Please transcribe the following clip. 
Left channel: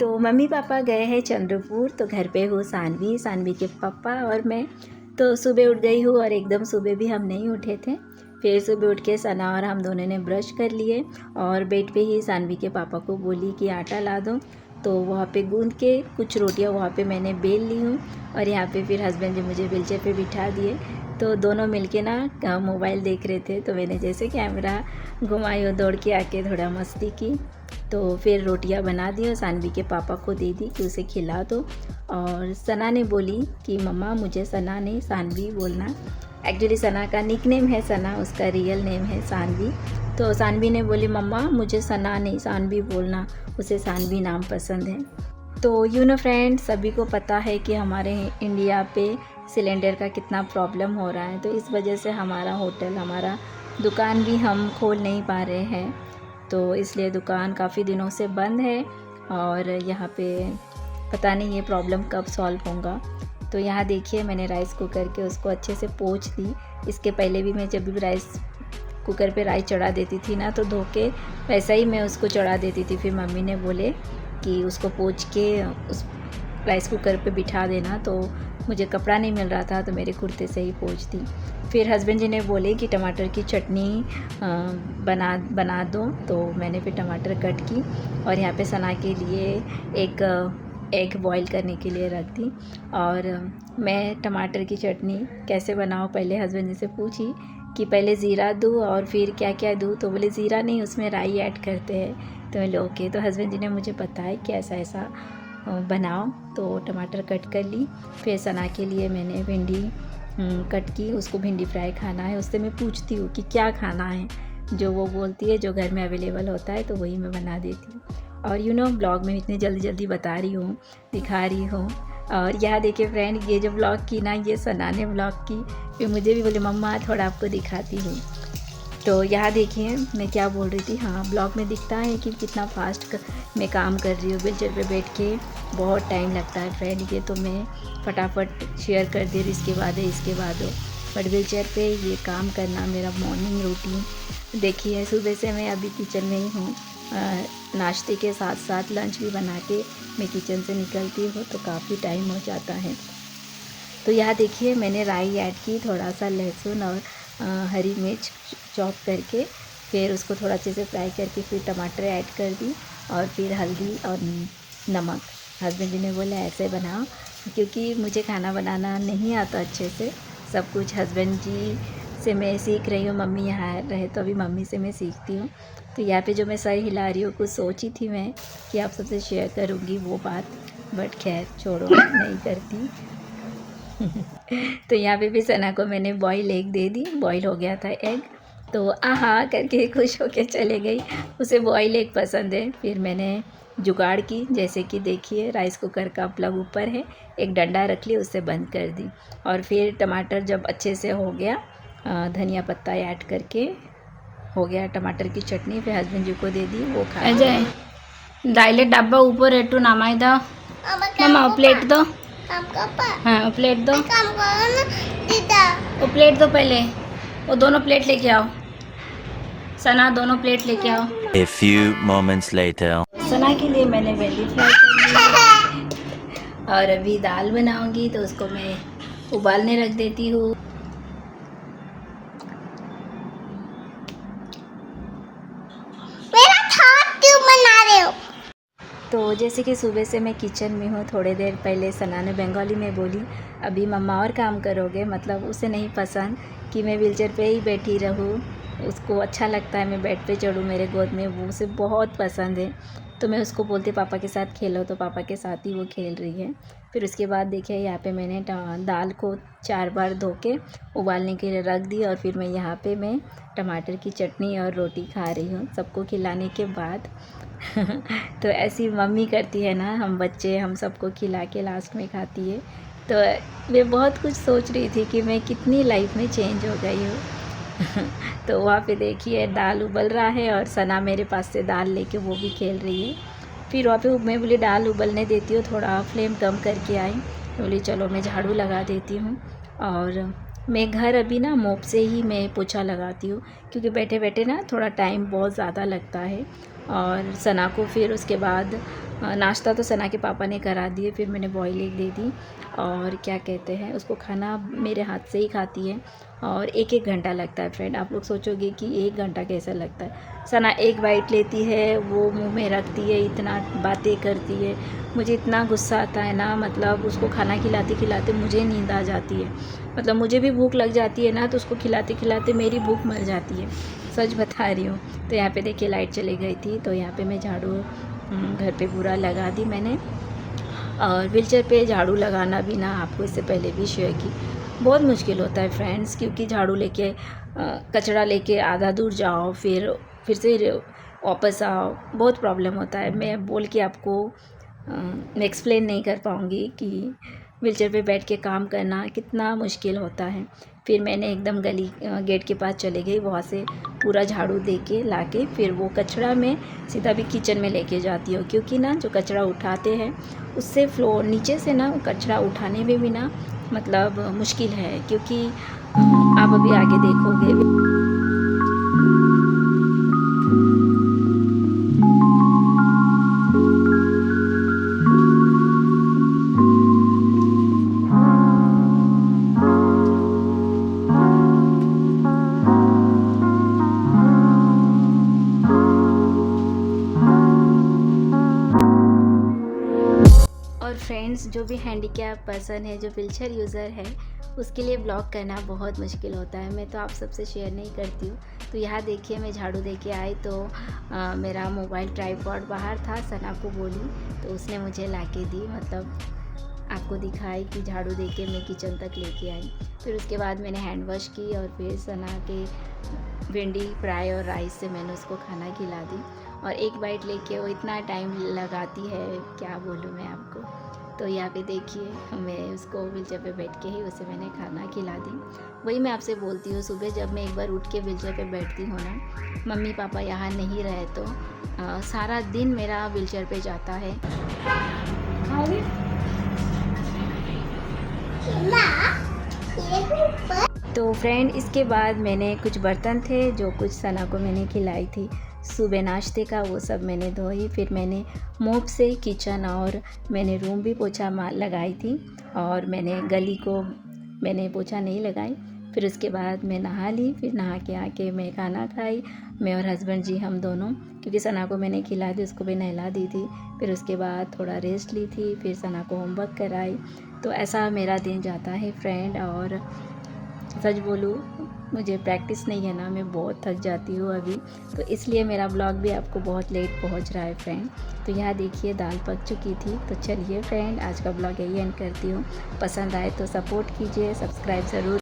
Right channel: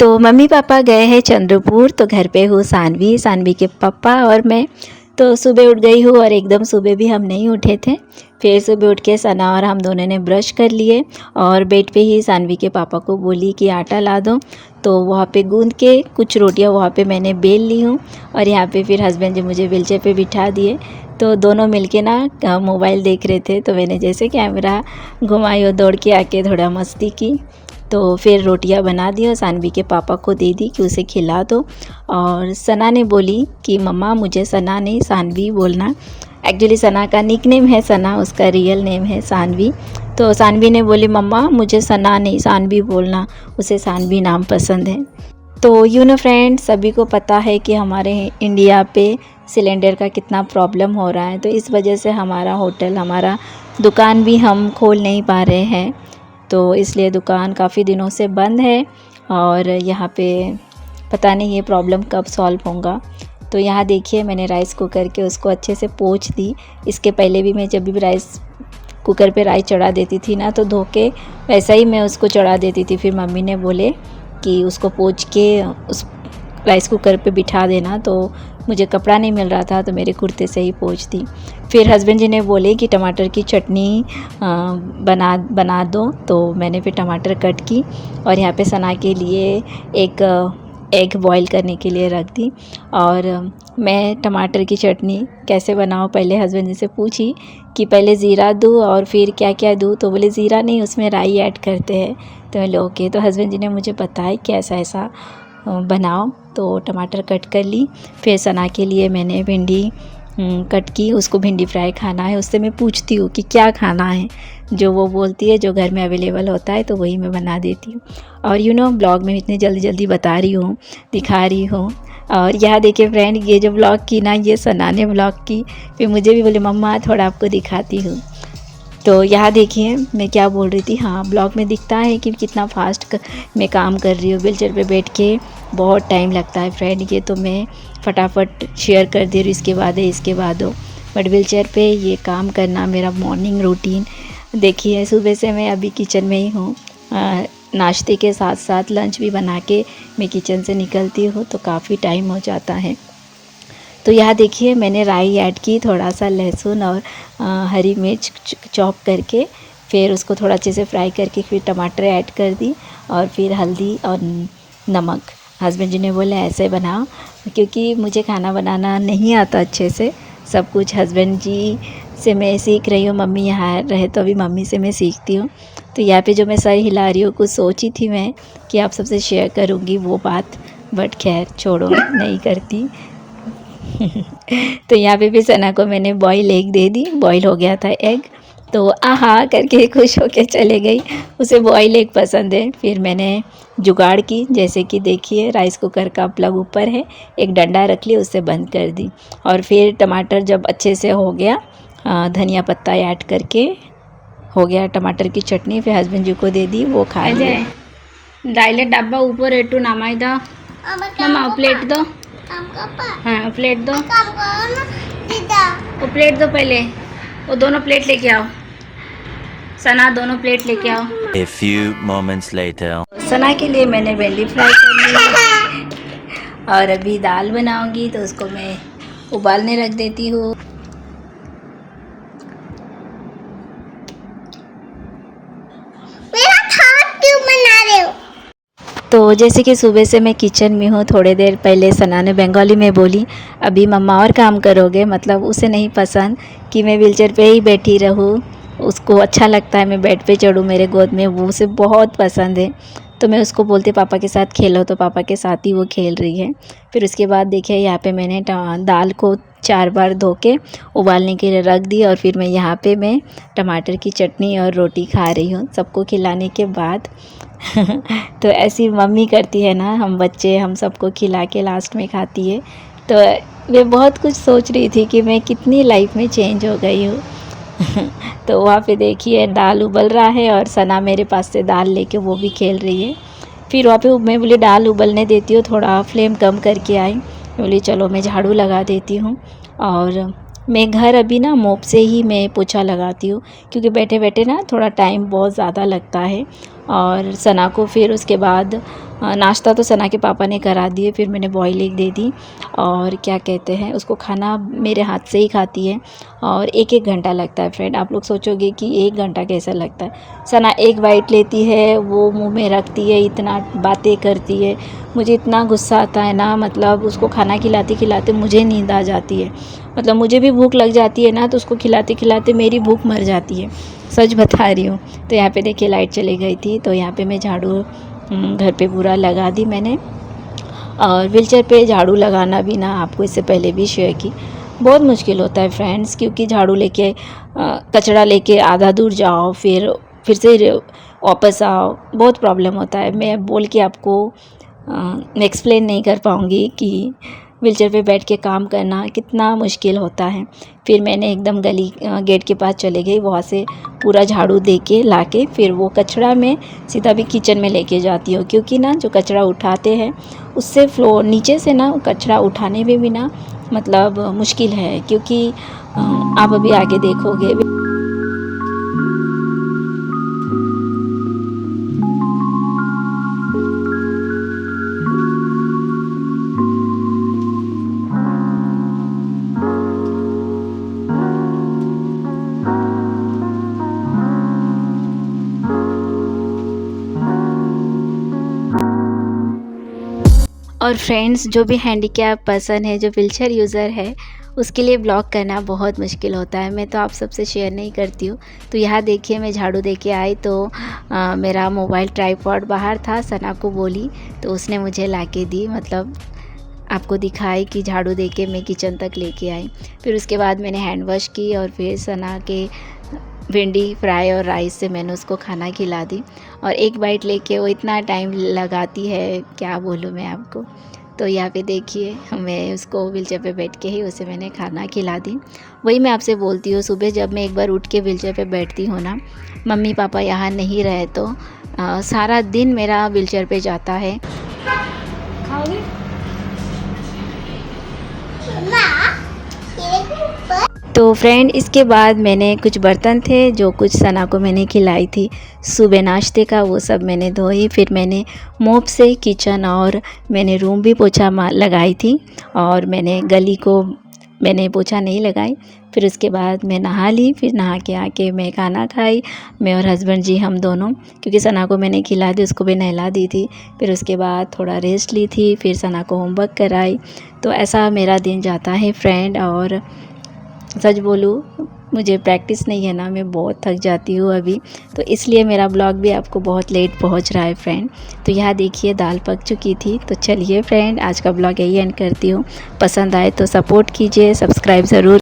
तो mummy papa गए हैं चंद्रपुर, तो घर पे हूँ सानवी, सानवी के पापा और मैं। तो सुबह उठ गई हूँ और एकदम सुबह भी हम नहीं उठे थे। फिर सुबह उठ के सना और हम दोनों ने ब्रश कर लिए और बेड पे ही सानवी के पापा को बोली कि आटा ला दो। तो वहाँ पे गूंद के कुछ रोटियाँ वहाँ पे मैंने बेल ली हूँ और यहाँ पे फिर हस्बैंड जी मुझे व्हीलचेयर पे बिठा दिए। तो दोनों मिलके ना मोबाइल देख रहे थे, तो मैंने जैसे कैमरा घुमाई और दौड़ के आके थोड़ा मस्ती की। तो फिर रोटियां बना दी और सानवी के पापा को दे दी कि उसे खिला दो। और सना ने बोली कि मम्मा मुझे सना नहीं सानवी बोलना। एक्चुअली सना का निक नेम है सना, उसका रियल नेम है सानवी। तो सानवी ने बोली मम्मा मुझे सना नहीं सानवी बोलना, उसे सानवी नाम पसंद है। तो यू नो फ्रेंड्स, सभी को पता है कि हमारे इंडिया पे सिलेंडर का कितना प्रॉब्लम हो रहा है। तो इस वजह से हमारा होटल, हमारा दुकान भी हम खोल नहीं पा रहे हैं। तो इसलिए दुकान काफ़ी दिनों से बंद है और यहाँ पे पता नहीं ये प्रॉब्लम कब सॉल्व होगा। तो यहाँ देखिए मैंने राइस कुकर के उसको अच्छे से पोंछ दी। इसके पहले भी मैं जब भी राइस कुकर पे राइस चढ़ा देती थी ना, तो धो के वैसा ही मैं उसको चढ़ा देती थी। फिर मम्मी ने बोले कि उसको पोंछ के उस राइस कुकर पे बिठा देना, तो मुझे कपड़ा नहीं मिल रहा था तो मेरे कुर्ते से ही पोंछ दी। फिर हस्बैंड जी ने बोले कि टमाटर की चटनी बना दो, तो मैंने फिर टमाटर कट की और यहाँ पे सना के लिए एक एग बॉईल करने के लिए रख दी। और मैं टमाटर की चटनी कैसे बनाऊँ पहले हस्बैंड जी से पूछी कि पहले ज़ीरा दूँ और फिर क्या क्या दूँ, तो बोले ज़ीरा नहीं उसमें राई ऐड करते हैं। तो मैं ओके, तो हस्बैंड जी ने मुझे बताया कि ऐसा ऐसा बनाओ। तो टमाटर कट कर ली। फिर सना के लिए मैंने भिंडी कट की, उसको भिंडी फ्राई खाना है। उससे मैं पूछती हूँ कि क्या खाना है, जो वो बोलती है जो घर में अवेलेबल होता है तो वही मैं बना देती हूँ। और यू नो ब्लॉग में इतनी जल्दी जल्दी बता रही हूँ, दिखा रही हूँ। और यहाँ देखिए फ्रेंड, ये जो ब्लॉग की ना, ये सना ने ब्लॉग की। फिर मुझे भी बोले मम्मा थोड़ा आपको दिखाती हूँ। तो यहाँ देखिए मैं क्या बोल रही थी, हाँ ब्लॉग में दिखता है कि कितना फास्ट मैं काम कर रही हूँ। व्हीलचेयर पे बैठ के बहुत टाइम लगता है फ्रेंड, ये तो मैं फटाफट शेयर कर दे रही हूँ, इसके बाद है इसके बाद हो। बट व्हीलचेयर पे ये काम करना मेरा मॉर्निंग रूटीन। देखिए सुबह से मैं अभी किचन में ही हूँ। नाश्ते के साथ साथ लंच भी बना के मैं किचन से निकलती हूँ, तो काफ़ी टाइम हो जाता है। तो यहाँ देखिए मैंने राई ऐड की, थोड़ा सा लहसुन और हरी मिर्च चॉप करके, फिर उसको थोड़ा अच्छे से फ्राई करके फिर टमाटर ऐड कर दी और फिर हल्दी और नमक। हस्बैंड जी ने बोला ऐसे बनाओ, क्योंकि मुझे खाना बनाना नहीं आता अच्छे से। सब कुछ हस्बैंड जी से मैं सीख रही हूँ, मम्मी यहाँ रहे तो अभी मम्मी से मैं सीखती हूँ। तो यहाँ पे जो मैं सर हिला रही हूँ, कुछ सोची थी मैं कि आप सबसे शेयर करूँगी वो बात, बट खैर छोड़ो, नहीं करती। तो यहाँ पे भी सना को मैंने बॉयल एग दे दी, बॉयल हो गया था एग, तो आहा करके खुश होके चले गई, उसे बॉयल एग पसंद है। फिर मैंने जुगाड़ की, जैसे कि देखिए राइस कुकर का प्लग ऊपर है, एक डंडा रख लिया, उससे बंद कर दी। और फिर टमाटर जब अच्छे से हो गया, धनिया पत्ता ऐड करके हो गया टमाटर की चटनी। फिर हस्बैंड जी को दे दी, वो खा लिया। डायलेट डब्बा ऊपर एटू नामाई दो मम्मा, प्लेट दो। हाँ प्लेट दो, वो प्लेट दो पहले, वो दोनों प्लेट लेके आओ सना, दोनों प्लेट लेके आओ। A few moments later. सना के लिए मैंने भिंडी फ्राई कर ली और अभी दाल बनाऊंगी, तो उसको मैं उबालने रख देती हूँ। तो जैसे कि सुबह से मैं किचन में हूँ, थोड़ी देर पहले सना ने बंगाली में बोली अभी मम्मा और काम करोगे, मतलब उसे नहीं पसंद कि मैं व्हीलचेयर पे ही बैठी रहूँ। उसको अच्छा लगता है मैं बेड पे चढ़ूँ मेरे गोद में, वो उसे बहुत पसंद है। तो मैं उसको बोलती पापा के साथ खेलो, तो पापा के साथ ही वो खेल रही है। फिर उसके बाद देखिए यहाँ पे मैंने दाल को 4 बार धो के उबालने के लिए रख दी और फिर मैं यहाँ पे मैं टमाटर की चटनी और रोटी खा रही हूँ सबको खिलाने के बाद। तो ऐसी मम्मी करती है ना, हम बच्चे हम सबको खिला के लास्ट में खाती है। तो मैं बहुत कुछ सोच रही थी कि मैं कितनी लाइफ में चेंज हो गई हूँ। तो वहाँ पे देखिए दाल उबल रहा है और सना मेरे पास से दाल लेके वो भी खेल रही है। फिर वहाँ पे मैं बोली दाल उबलने देती हूँ, थोड़ा फ्लेम कम करके आई। बोली चलो मैं झाड़ू लगा देती हूँ। और मैं घर अभी ना मोप से ही मैं पोछा लगाती हूँ, क्योंकि बैठे बैठे ना थोड़ा टाइम बहुत ज़्यादा लगता है और सना को फिर उसके बाद नाश्ता तो सना के पापा ने करा दिए, फिर मैंने बॉयल एग दे दी और क्या कहते हैं उसको खाना मेरे हाथ से ही खाती है और 1-1 घंटा लगता है फ्रेंड। आप लोग सोचोगे कि 1 घंटा कैसा लगता है। सना एक बाइट लेती है, वो मुंह में रखती है, इतना बातें करती है, मुझे इतना गुस्सा आता है ना, मतलब उसको खाना खिलाते खिलाते मुझे नींद आ जाती है। मतलब मुझे भी भूख लग जाती है ना, तो उसको खिलाते खिलाते मेरी भूख मर जाती है, सच बता रही हूँ। तो यहाँ पे देखिए लाइट चली गई थी, तो यहाँ पे मैं झाड़ू घर पे पूरा लगा दी मैंने। और व्हीलचेयर पे झाड़ू लगाना भी ना, आपको इससे पहले भी शेयर की, बहुत मुश्किल होता है फ्रेंड्स, क्योंकि झाड़ू लेके कचरा लेके आधा दूर जाओ, फिर से वापस आओ, बहुत प्रॉब्लम होता है। मैं बोल के आपको एक्सप्लेन नहीं कर पाऊँगी कि व्हीलचेयर पे बैठ के काम करना कितना मुश्किल होता है। फिर मैंने एकदम गली गेट के पास चले गई, वहाँ से पूरा झाड़ू दे के ला के फिर वो कचरा मैं सीधा भी किचन में लेके जाती हूँ, क्योंकि ना जो कचरा उठाते हैं उससे फ्लोर नीचे से ना कचरा उठाने में भी ना मतलब मुश्किल है, क्योंकि आप अभी आगे देखोगे। और फ्रेंड्स, जो भी हैंडीकैप पर्सन है, जो व्हीलचेयर यूज़र है, उसके लिए ब्लॉग करना बहुत मुश्किल होता है। मैं तो आप सबसे शेयर नहीं करती हूँ। तो यहाँ देखिए मैं झाड़ू दे के आई तो मेरा मोबाइल ट्राइपॉड बाहर था, सना को बोली तो उसने मुझे ला के दी, मतलब आपको दिखाई कि झाड़ू दे के मैं किचन तक लेके आई। फिर उसके बाद मैंने हैंड वॉश की और फिर सना के भिंडी फ्राई और राइस से मैंने उसको खाना खिला दी। और एक बाइट लेके वो इतना टाइम लगाती है, क्या बोलूँ मैं आपको। तो यहाँ पे देखिए मैं उसको व्हीलचेयर पे बैठ के ही उसे मैंने खाना खिला दी। वही मैं आपसे बोलती हूँ, सुबह जब मैं एक बार उठ के व्हीलचेयर पे बैठती हूँ ना, मम्मी पापा यहाँ नहीं रहे तो सारा दिन मेरा व्हीलचेयर पे जाता है। खाओगे? तो फ्रेंड, इसके बाद मैंने कुछ बर्तन थे जो कुछ सना को मैंने खिलाई थी सुबह नाश्ते का, वो सब मैंने धोई। फिर मैंने मोप से किचन और मैंने रूम भी पोछा लगाई थी, और मैंने गली को मैंने पोछा नहीं लगाई। फिर उसके बाद मैं नहा ली, फिर नहा के आके मैं खाना खाई, मैं और हस्बैंड जी हम दोनों, क्योंकि सना को मैंने खिला दी, उसको भी नहला दी थी। फिर उसके बाद थोड़ा रेस्ट ली थी, फिर सना को होमवर्क कराई। तो ऐसा मेरा दिन जाता है फ्रेंड। और सच बोलूँ, मुझे प्रैक्टिस नहीं है ना, मैं बहुत थक जाती हूँ अभी, तो इसलिए मेरा ब्लॉग भी आपको बहुत लेट पहुँच रहा है फ्रेंड। तो यहाँ देखिए दाल पक चुकी थी। तो चलिए फ्रेंड, आज का ब्लॉग यही एंड करती हूँ। पसंद आए तो सपोर्ट कीजिए, सब्सक्राइब ज़रूर